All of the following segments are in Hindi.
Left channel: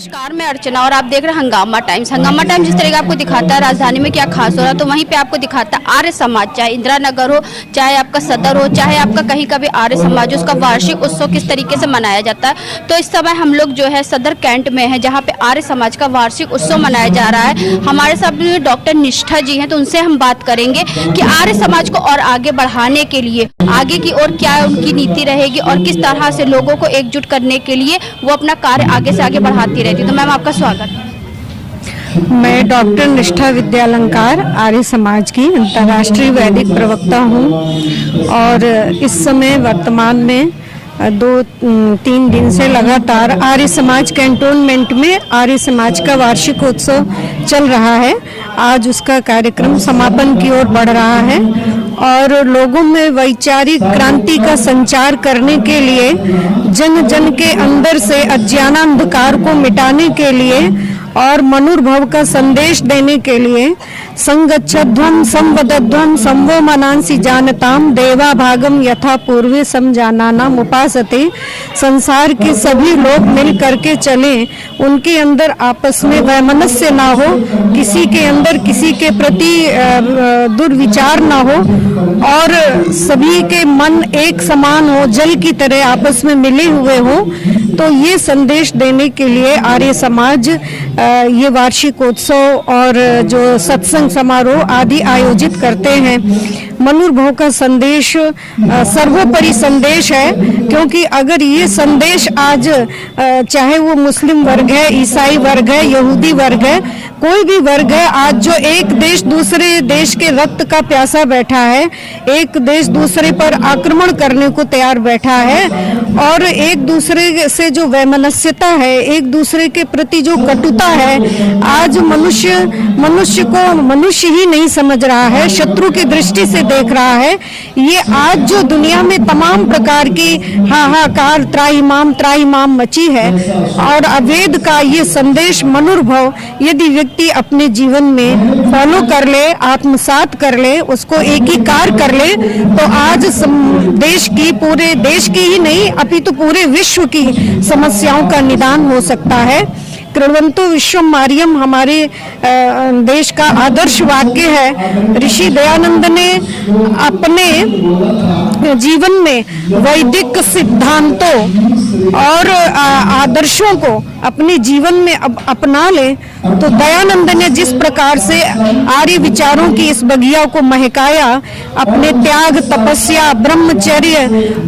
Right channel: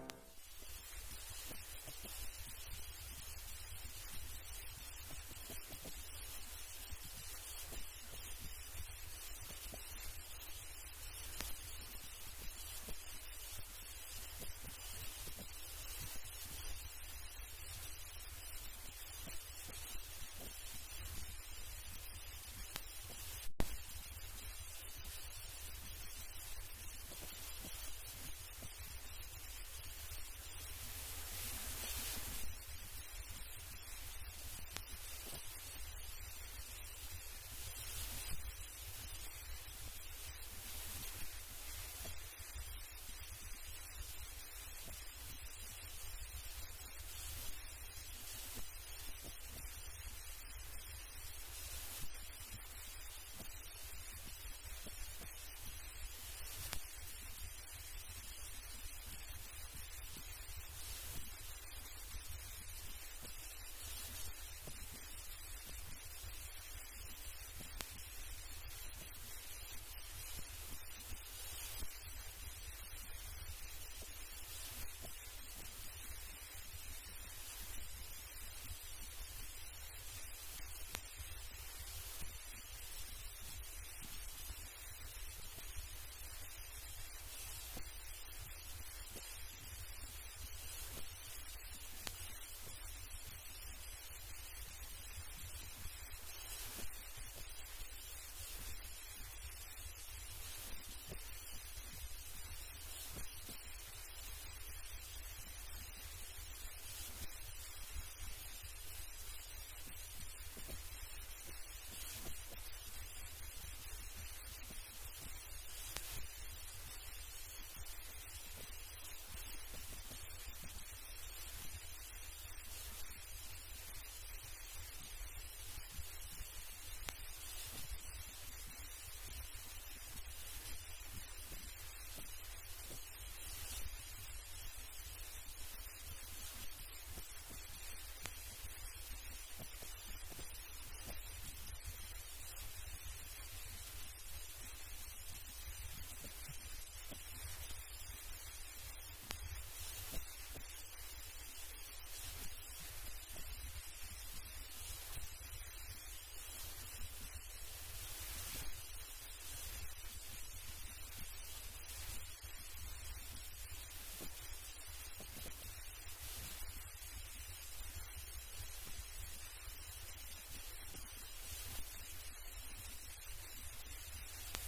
नमस्कार, मैं अर्चना और आप देख रहे हैं हंगामा टाइम्स। हंगामा टाइम्स जिस तरह का आपको दिखाता है राजधानी में क्या खास हो रहा है, तो वहीं पे आपको दिखाता है आर्य समाज। चाहे इंदिरा नगर हो, चाहे आपका सदर हो, चाहे आपका कहीं का भी आर्य समाज, उसका वार्षिक उत्सव किस तरीके से मनाया जाता है। तो इस समय हम लोग जो है सदर कैंट में है, जहाँ पे आर्य समाज का वार्षिक उत्सव मनाया जा रहा है। हमारे साथ डॉक्टर निष्ठा जी हैं, तो उनसे हम बात करेंगे कि आर्य समाज को और आगे बढ़ाने के लिए आगे की ओर क्या उनकी नीति रहेगी और किस तरह से लोगों को एकजुट करने के लिए वो अपना कार्य आगे से आगे बढ़ाती रहती है। तो मैम, आपका स्वागत। मैं डॉक्टर निष्ठा विद्यालंकार आर्य समाज की अंतर्राष्ट्रीय वैदिक प्रवक्ता हूँ और इस समय वर्तमान में 2-3 दिन से लगातार आर्य समाज कैंटोनमेंट में आर्य समाज का वार्षिक उत्सव चल रहा है। आज उसका कार्यक्रम समापन की ओर बढ़ रहा है और लोगों में वैचारिक क्रांति का संचार करने के लिए, जन जन के अंदर से अज्ञानांधकार को मिटाने के लिए और मनुर्भव का संदेश देने के लिए संगच्छध्वं संवदध्वं संवो मनांसि जानताम देवा भागम यथा पूर्वे समजानानाम उपासते। संसार के सभी लोग मिल करके चलें, उनके अंदर आपस में वैमनस्य ना हो, किसी के अंदर किसी के प्रति दुर्विचार ना हो और सभी के मन एक समान हो, जल की तरह आपस में मिले हुए हो। तो ये संदेश देने के लिए आर्य समाज ये वार्षिक उत्सव और जो सत्संग समारोह आदि आयोजित करते हैं। मनुर्भव का संदेश सर्वोपरि संदेश है, क्योंकि अगर ये संदेश आज चाहे वो मुस्लिम वर्ग है, ईसाई वर्ग है, यहूदी वर्ग है, कोई भी वर्ग है, आज जो एक देश दूसरे देश के रक्त का प्यासा बैठा है, एक देश दूसरे पर आक्रमण करने को तैयार बैठा है और एक दूसरे से जो वैमनस्यता है, एक दूसरे के प्रति जो कटुता है, आज मनुष्य को मनुष्य ही नहीं समझ रहा है, शत्रु की दृष्टि से देख रहा है। ये आज जो दुनिया में तमाम प्रकार की हाहाकार त्राहिमाम मची है और अवेद का ये संदेश मनुर्भव यदि व्यक्ति अपने जीवन में फॉलो कर ले, आत्मसात कर ले, उसको एकीकार कर ले, तो आज पूरे देश की ही नहीं अपितु पूरे विश्व की समस्याओं का निदान हो सकता है। कृण्वन्तो विश्वम आर्यम हमारे देश का आदर्श वाक्य है। ऋषि दयानंद ने अपने जीवन में वैदिक सिद्धांतों और आदर्शों को अपने जीवन में अपना ले, तो दयानंद ने जिस प्रकार से आर्य विचारों की इस बगिया को महकाया, अपने त्याग, तपस्या, ब्रह्मचर्य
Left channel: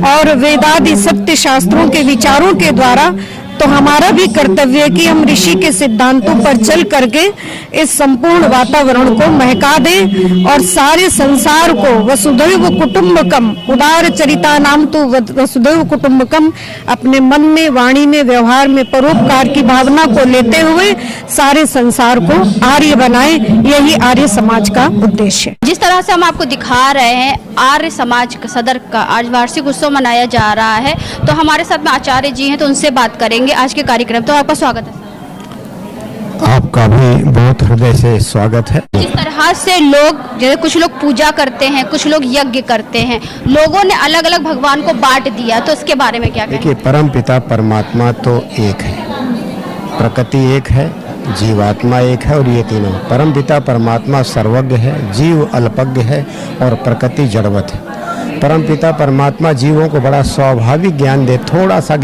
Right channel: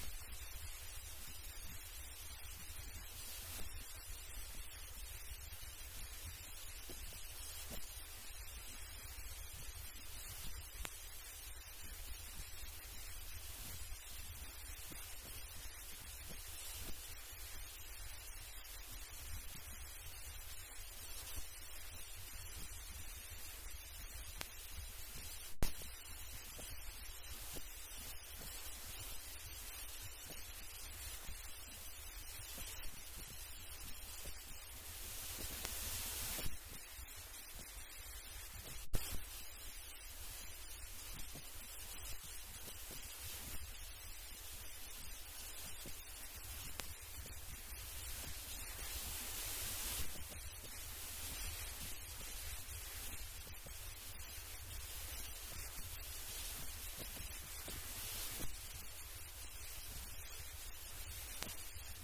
और वेदादि सत्य शास्त्रों के विचारों के द्वारा, तो हमारा भी कर्तव्य है कि हम ऋषि के सिद्धांतों पर चल करके इस संपूर्ण वातावरण को महका दें और सारे संसार को वसुधैव कुटुंबकम, उदार चरिता नाम तो वसुधैव कुटुंबकम, अपने मन में, वाणी में, व्यवहार में परोपकार की भावना को लेते हुए सारे संसार को आर्य बनाएं। यही आर्य समाज का उद्देश्य है। जिस तरह से हम आपको दिखा रहे हैं आर्य समाज सदर का आज वार्षिक उत्सव मनाया जा रहा है, तो हमारे साथ में आचार्य जी हैं, तो उनसे बात करेंगे आज के कार्यक्रम। तो आपका स्वागत है। आपका भी बहुत हृदय से स्वागत है। जिस तरह से लोग, जैसे कुछ लोग पूजा करते हैं, कुछ लोग यज्ञ करते हैं, लोगों ने अलग अलग भगवान को बांट दिया, तो इसके बारे में क्या कहें? देखिए, परम पिता परमात्मा तो एक है, प्रकृति एक है, जीवात्मा एक है और ये तीनों। परम पिता परमात्मा सर्वज्ञ है, जीव अल्पज्ञ है और प्रकृति जड़वत है। परम पिता परमात्मा जीवों को बड़ा स्वाभाविक ज्ञान दे, थोड़ा सा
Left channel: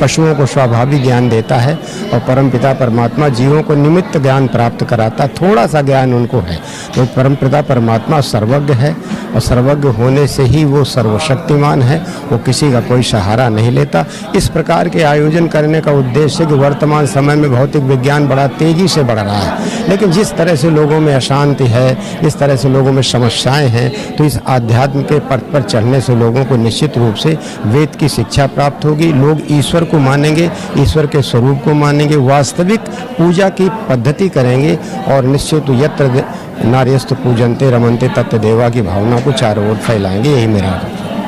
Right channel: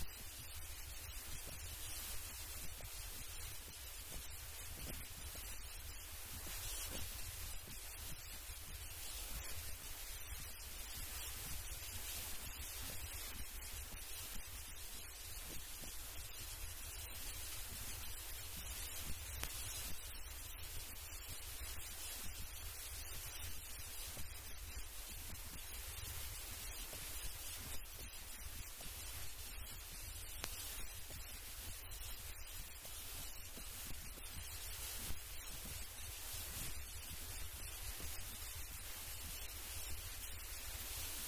पशुओं को स्वाभाविक ज्ञान देता है और परम पिता परमात्मा जीवों को निमित्त ज्ञान प्राप्त कराता, थोड़ा सा ज्ञान उनको है। तो परम पिता परमात्मा सर्वज्ञ है और सर्वज्ञ होने से ही वो सर्वशक्तिमान है, वो किसी का कोई सहारा नहीं लेता। इस प्रकार के आयोजन करने का उद्देश्य कि वर्तमान समय में भौतिक विज्ञान बड़ा तेजी से बढ़ रहा है, लेकिन जिस तरह से लोगों में अशांति है, जिस तरह से लोगों में समस्याएं हैं, तो इस आध्यात्म के पथ पर चढ़ने से लोगों को निश्चित रूप से वेद की शिक्षा प्राप्त होगी। लोग ईश्वर को मानेंगे, ईश्वर के स्वरूप को मानेंगे, वास्तविक पूजा की पद्धति करेंगे और निश्चित यत्र नार्यस्तु पूजन्ते रमन्ते तत्र देवा की भावना को चारों ओर फैलाएंगे। यही मेरा।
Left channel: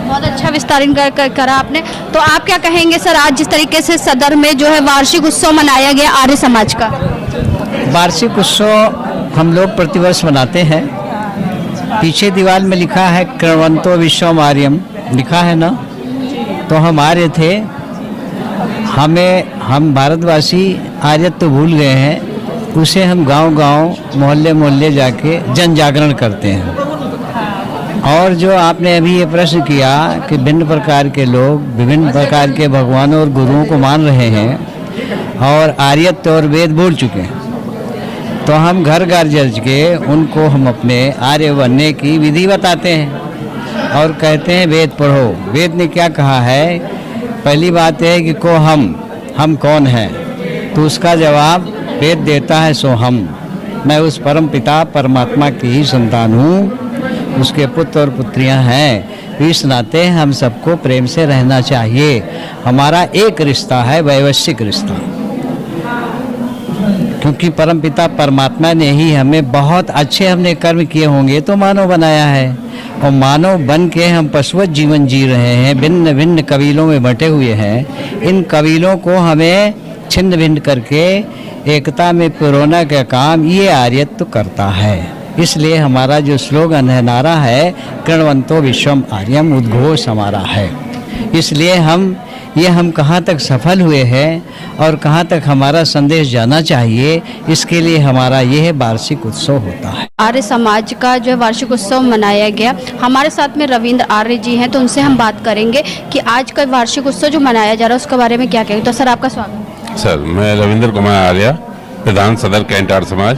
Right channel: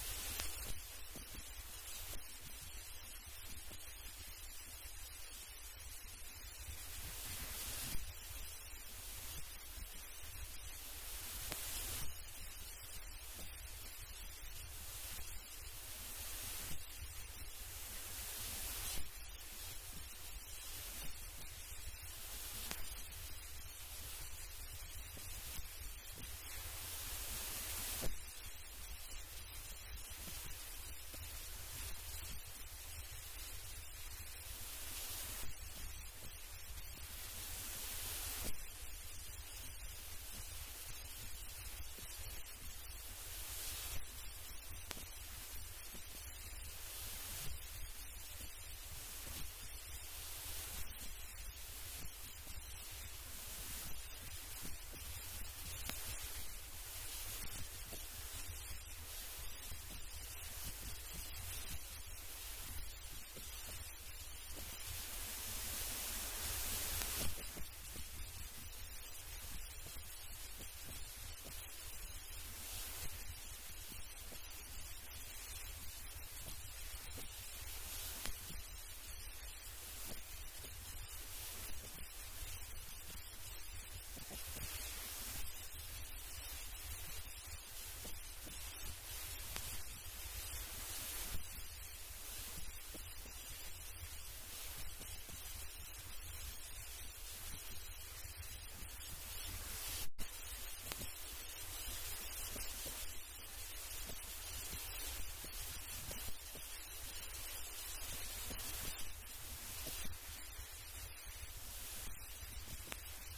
बहुत अच्छा विस्तारण करा आपने। तो आप क्या कहेंगे सर, आज जिस तरीके से सदर में जो है वार्षिक उत्सव मनाया गया आर्य समाज का? वार्षिक उत्सव हम लोग प्रतिवर्ष मनाते हैं। पीछे दीवार में लिखा है कृण्वन्तो विश्वम आर्यम, लिखा है ना, तो हम आर्य थे हम भारतवासी आर्यत्व तो भूल गए हैं, उसे हम गांव-गांव, मोहल्ले-मोहल्ले जाके जन जागरण करते हैं। और जो आपने अभी ये प्रश्न किया कि भिन्न प्रकार के लोग विभिन्न प्रकार के भगवानों और गुरुओं को मान रहे हैं और आर्यत्व और वेद भूल चुके हैं, तो हम घर घर जज के उनको हम अपने आर्य बनने की विधि बताते हैं और कहते हैं वेद पढ़ो। वेद ने क्या कहा है? पहली बात है कि हम कौन हैं? तो उसका जवाब वेद देता है, सो मैं उस परम पिता परमात्मा की ही संतान हूँ, उसके पुत्र और पुत्रियां हैं। इस नाते हम सबको प्रेम से रहना चाहिए। हमारा एक रिश्ता है, वैवश्विक रिश्ता, क्योंकि परमपिता परमात्मा ने ही हमें बहुत अच्छे हमने कर्म किए होंगे तो मानव बनाया है, और मानव बन के हम पशुवत जीवन जी रहे हैं, भिन्न भिन्न कबीलों में बंटे हुए हैं। इन कबीलों को हमें छिन्न भिन्न करके एकता में पिरोना का काम ये आर्यत्व करता है। इसलिए हमारा जो स्लोगन है, नारा है, कृण्वन्तो विश्वम आर्यम, उद्घोष हमारा है। इसलिए हम कहाँ तक सफल हुए हैं और कहाँ तक हमारा संदेश जाना चाहिए, इसके लिए हमारा यह वार्षिक उत्सव होता है। आर्य समाज का जो वार्षिक उत्सव मनाया गया, हमारे साथ में रविंद्र आर्य जी हैं, तो उनसे हम बात करेंगे कि आज का वार्षिक उत्सव जो मनाया जा रहा है उसके बारे में क्या कहेंगे। तो सर, आपका स्वागत। सर, मैं रविंद्र कुमार आर्य, प्रधान सदर कैंट आर्य समाज।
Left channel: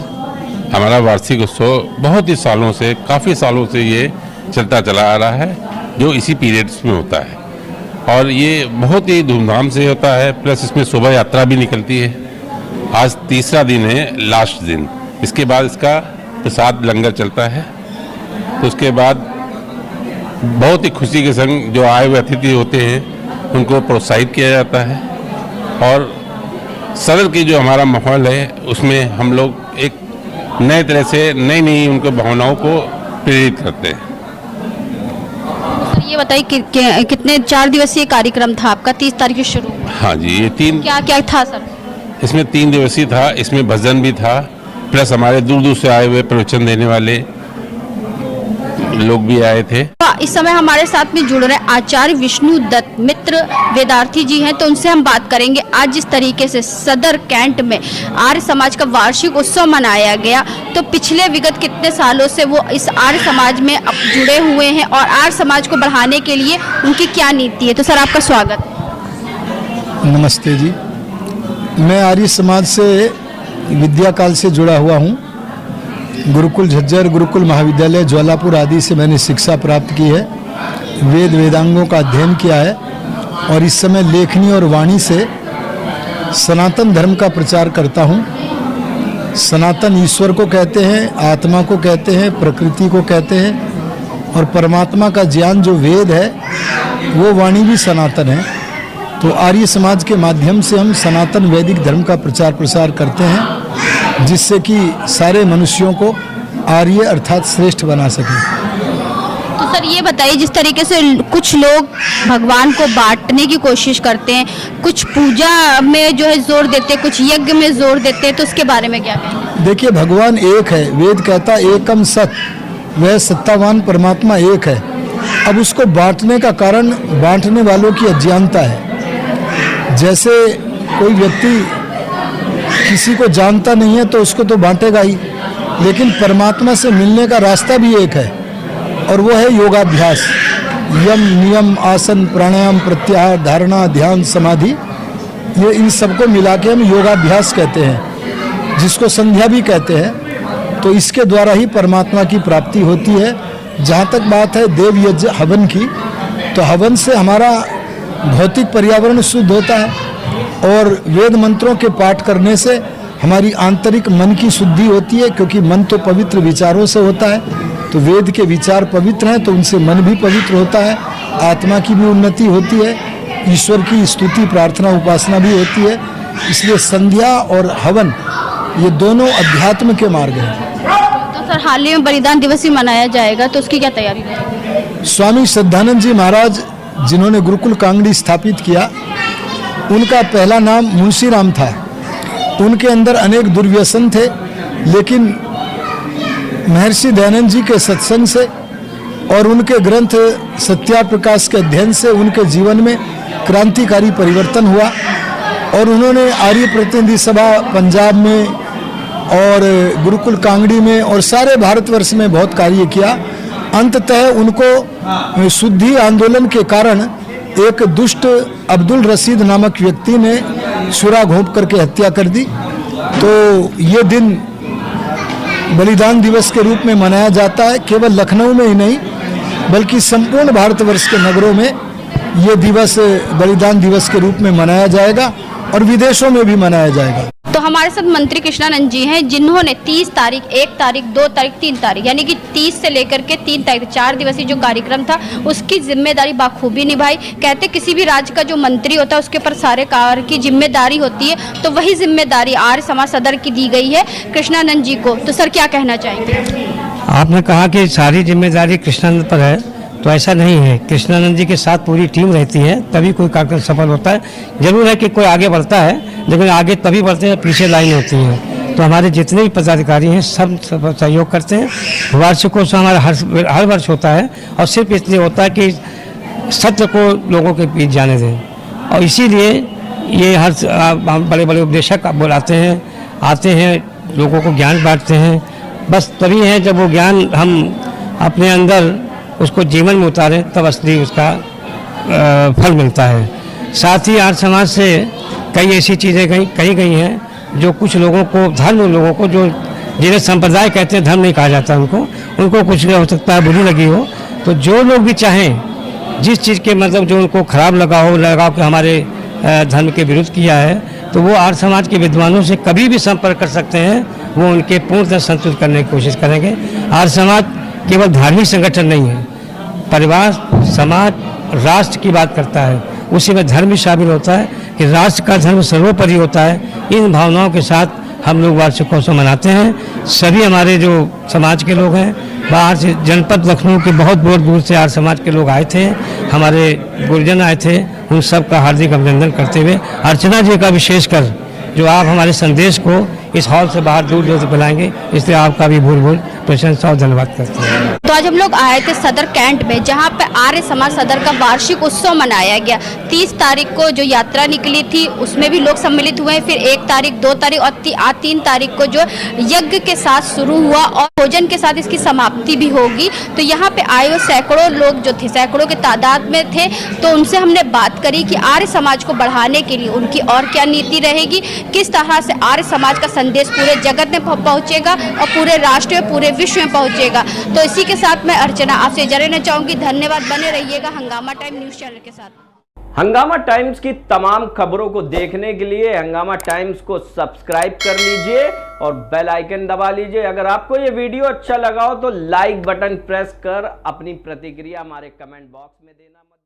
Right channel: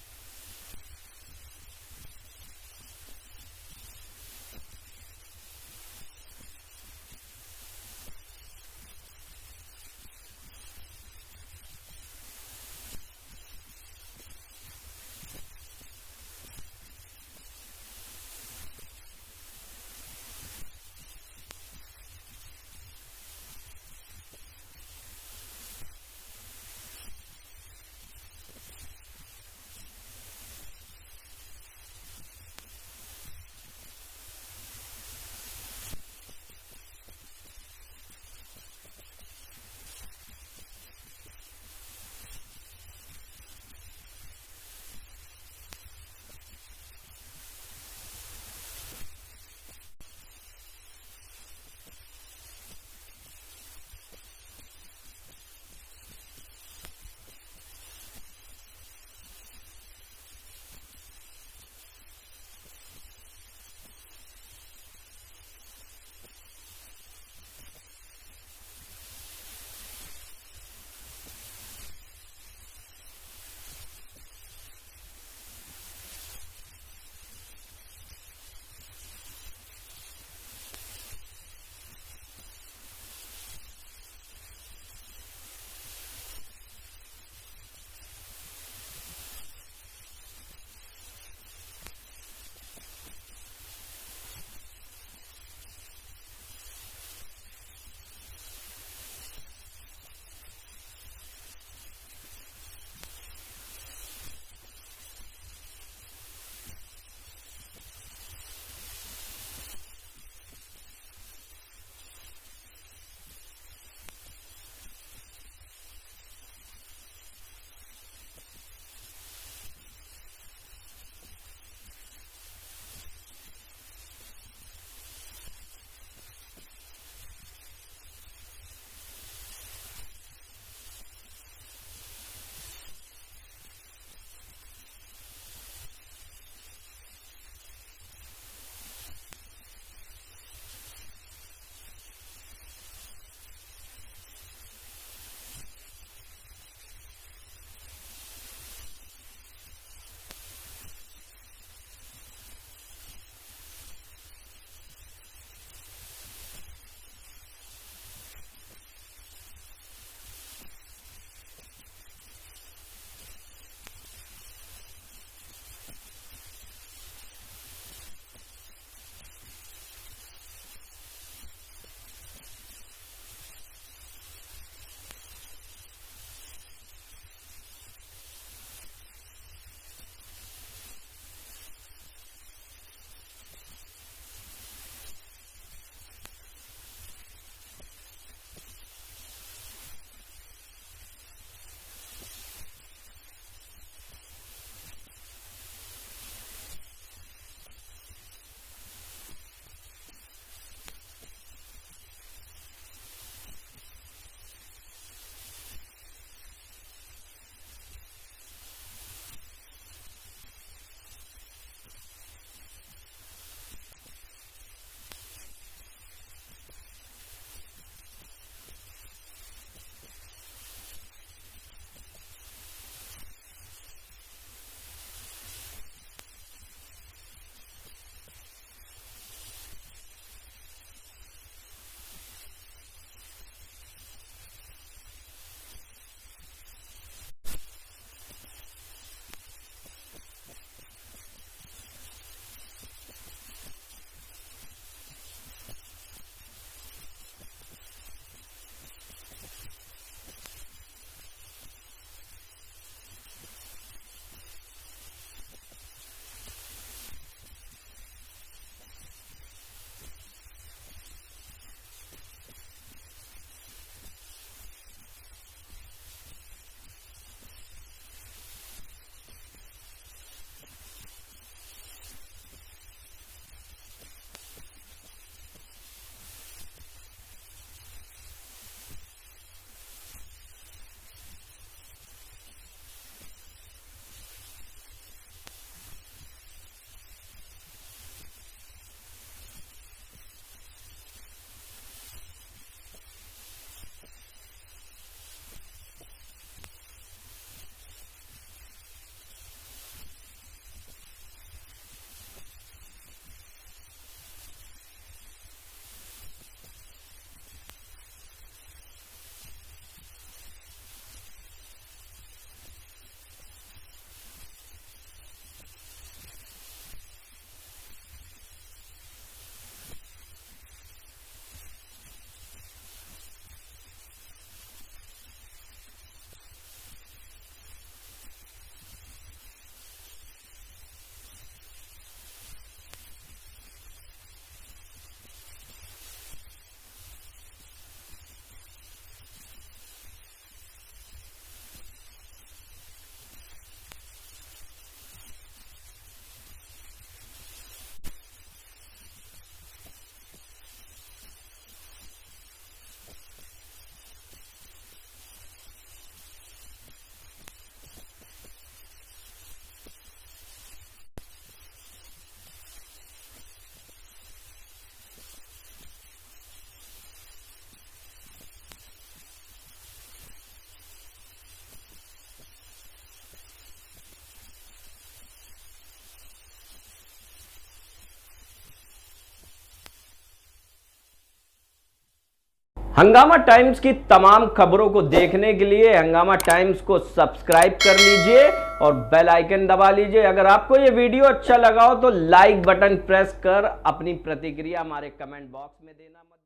हमारा वार्षिक उत्सव बहुत ही सालों से, काफ़ी सालों से ये चलता चला आ रहा है, जो इसी पीरियड्स में होता है, और ये बहुत ही धूमधाम से होता है। प्लस इसमें शोभा यात्रा भी निकलती है। आज तीसरा दिन है, लास्ट दिन। इसके बाद इसका प्रसाद लंगर चलता है। तो उसके बाद बहुत ही खुशी के संग जो आए हुए अतिथि होते हैं उनको प्रोत्साहित किया जाता है, और सदर की जो हमारा माहौल है उसमें हम लोग एक नए तरह से नई उनको भावनाओं को प्रेरित करते हैं। ये बताइए कि कितने 4 दिवसीय कार्यक्रम था आपका, 30 तारीख से शुरू हुआ? हाँ जी, ये क्या था सर? इसमें 3 दिवसीय था। इसमें भजन भी था, प्लस हमारे दूर दूर से आए हुए प्रवचन देने वाले लोग भी आए थे। इस समय हमारे साथ में जुड़ रहे आचार्य विष्णु दत्त मित्र वेदार्थी जी हैं, तो उनसे हम बात करेंगे। आज जिस तरीके से सदर कैंट में आर्य समाज का वार्षिक उत्सव मनाया गया, तो पिछले विगत कितने सालों से वो इस आर्य समाज में जुड़े हुए हैं और आर्य समाज को बढ़ाने के लिए उनकी क्या नीति है। तो सर, आपका स्वागत। नमस्ते जी, मैं आर्य समाज से विद्या काल से जुड़ा हुआ हूँ। गुरुकुल झज्जर, गुरुकुल महाविद्यालय ज्वालापुर आदि से मैंने शिक्षा प्राप्त की है, वेद वेदांगों का अध्ययन किया है, और इस समय लेखनी और वाणी से सनातन धर्म का प्रचार करता हूँ। सनातन ईश्वर को कहते हैं, आत्मा को कहते हैं, प्रकृति को कहते हैं, और परमात्मा का ज्ञान जो वेद है वो वाणी भी सनातन है। तो आर्य समाज के माध्यम से हम सनातन वैदिक धर्म का प्रचार प्रसार करते हैं, जिससे कि सारे मनुष्यों को आर्य अर्थात श्रेष्ठ बना सकें। तो सर, ये बताइए, जिस तरीके से कुछ लोग भगवान को बांटने की कोशिश करते हैं, कुछ पूजा में जो है जोर देते हैं, कुछ यज्ञ में जोर देते हैं, तो उसके बारे में क्या कहेंगे? देखिए, भगवान एक है, वेद कहता एकम सत, वह सत्तावान परमात्मा एक है। अब उसको बांटने का कारण बांटने वालों की अज्ञानता है। जैसे कोई व्यक्ति किसी को जानता नहीं है तो उसको तो बांटेगा ही, लेकिन परमात्मा से मिलने का रास्ता भी एक है, और वो है योगाभ्यास। यम, नियम, आसन, प्राणायाम, प्रत्याहार, धारणा, ध्यान, समाधि, ये इन सबको मिला के हम योगाभ्यास कहते हैं, जिसको संध्या भी कहते हैं। तो इसके द्वारा ही परमात्मा की प्राप्ति होती है। जहाँ तक बात है देव यज्ञ हवन की, तो हवन से हमारा भौतिक पर्यावरण शुद्ध होता है, और वेद मंत्रों के पाठ करने से हमारी आंतरिक मन की शुद्धि होती है, क्योंकि मन तो पवित्र विचारों से होता है। तो वेद के विचार पवित्र हैं, तो उनसे मन भी पवित्र होता है, आत्मा की भी उन्नति होती है, ईश्वर की स्तुति, प्रार्थना, उपासना भी होती है। इसलिए संध्या और हवन ये दोनों अध्यात्म के मार्ग हैं। तो सर, हाल ही में बलिदान दिवस भी मनाया जाएगा, तो उसकी क्या तैयारी रहेगी? स्वामी श्रद्धानंद जी महाराज, जिन्होंने गुरुकुल कांगड़ी स्थापित किया, उनका पहला नाम मुंशी राम था। उनके अंदर अनेक दुर्व्यसन थे, लेकिन महर्षि दयानंद जी के सत्संग से और उनके ग्रंथ सत्याप्रकाश के अध्ययन से उनके जीवन में क्रांतिकारी परिवर्तन हुआ और उन्होंने आर्य प्रतिनिधि सभा पंजाब में और गुरुकुल कांगड़ी में और सारे भारतवर्ष में बहुत कार्य किया। अंततः उनको शुद्धि आंदोलन के कारण एक दुष्ट अब्दुल रशीद नामक व्यक्ति ने छुरा घोंप करके हत्या कर दी। तो ये दिन बलिदान दिवस के रूप में मनाया जाता है। केवल लखनऊ में ही नहीं बल्कि संपूर्ण भारतवर्ष के नगरों में ये दिवस बलिदान दिवस के रूप में मनाया जाएगा और विदेशों में भी मनाया जाएगा। तो हमारे साथ मंत्री कृष्णानंद जी हैं, जिन्होंने 30 तारीख, 1 तारीख, 2 तारीख, 3 तारीख यानी कि 30 से लेकर के 3 तारीख 4 दिवसीय जो कार्यक्रम था उसकी जिम्मेदारी बाखूबी निभाई। कहते किसी भी राज्य का जो मंत्री होता है उसके ऊपर सारे कार्य की जिम्मेदारी होती है, तो वही जिम्मेदारी आर्य समाज सदर की दी गई है कृष्णानंद जी को। तो सर क्या कहना चाहेंगे? आपने कहा कि सारी जिम्मेदारी कृष्णानंद पर है, तो ऐसा नहीं है। कृष्णानंद जी के साथ पूरी टीम रहती है तभी कोई कार्यक्रम सफल होता है। जरूर है कि कोई आगे बढ़ता है, लेकिन आगे तभी बढ़ते हैं पीछे लाइन होती है। तो हमारे जितने भी पदाधिकारी हैं सब सहयोग करते हैं। वार्षिकोत्सव हमारा हर वर्ष होता है और सिर्फ इसलिए होता है कि सत्य को लोगों के बीच जाने दें, और इसीलिए ये हर बड़े बड़े उपदेशक बुलाते हैं, आते हैं, लोगों को ज्ञान बांटते हैं। बस तभी है जब वो ज्ञान हम अपने अंदर उसको जीवन में उतारें तब असली उसका फल मिलता है। साथ ही आर्य समाज से कई ऐसी चीज़ें कही गई हैं जो कुछ लोगों को, धर्म लोगों को, जो जिन्हें संप्रदाय कहते हैं, धर्म नहीं कहा जाता उनको कुछ हो सकता है बुरी लगी हो। तो जो लोग भी चाहें जिस चीज़ के मतलब जो उनको खराब लगा कि हमारे धर्म के विरुद्ध किया है, तो वो आर्य समाज के विद्वानों से कभी भी संपर्क कर सकते हैं। वो उनके पूर्णतः संतुष्ट करने की कोशिश करेंगे। आर्य समाज केवल धार्मिक संगठन नहीं है, परिवार, समाज, राष्ट्र की बात करता है। उसी में धर्म भी शामिल होता है कि राष्ट्र का धर्म सर्वोपरि होता है। इन भावनाओं के साथ हम लोग वार्षिकोत्सव मनाते हैं। सभी हमारे जो समाज के लोग हैं, बाहर से जनपद लखनऊ के बहुत दूर से आर्य समाज के लोग आए थे, हमारे गुरुजन आए थे, उन सब का हार्दिक अभिनंदन करते हुए अर्चना जी का विशेषकर जो आप हमारे संदेश को इस हॉल से बाहर दूर दूर से फैलाएंगे, इसलिए आपका भी भूल प्रशंसा और धन्यवाद करते हैं। तो आज हम लोग आए थे सदर कैंट में, जहां पे आर्य समाज सदर का वार्षिक उत्सव मनाया गया। 30 तारीख को जो यात्रा निकली थी उसमें भी लोग सम्मिलित हुए हैं। फिर 1 तारीख, 2 तारीख और 3 तारीख को जो यज्ञ के साथ शुरू हुआ और भोजन के साथ इसकी समाप्ति भी होगी। तो यहाँ पे आए हुए सैकड़ों लोग जो थे, सैकड़ों के तादाद में थे, तो उनसे हमने बात करी कि आर्य समाज को बढ़ाने के लिए उनकी और क्या नीति रहेगी, किस तरह से आर्य समाज का संदेश पूरे जगत में पहुंचेगा और पूरे राष्ट्र में, पूरे विश्व में पहुंचेगा। तो इसी के साथ मैं अर्चना आपसे इजाज़त लेना चाहूंगी। धन्यवाद। बने रहिएगा हंगामा टाइम न्यूज चैनल के साथ। हंगामा टाइम्स की तमाम खबरों को देखने के लिए हंगामा टाइम्स को सब्सक्राइब कर लीजिए और बेल आइकन दबा लीजिए। अगर आपको ये वीडियो अच्छा लगा हो तो लाइक बटन प्रेस कर अपनी प्रतिक्रिया हमारे कमेंट बॉक्स में देना मत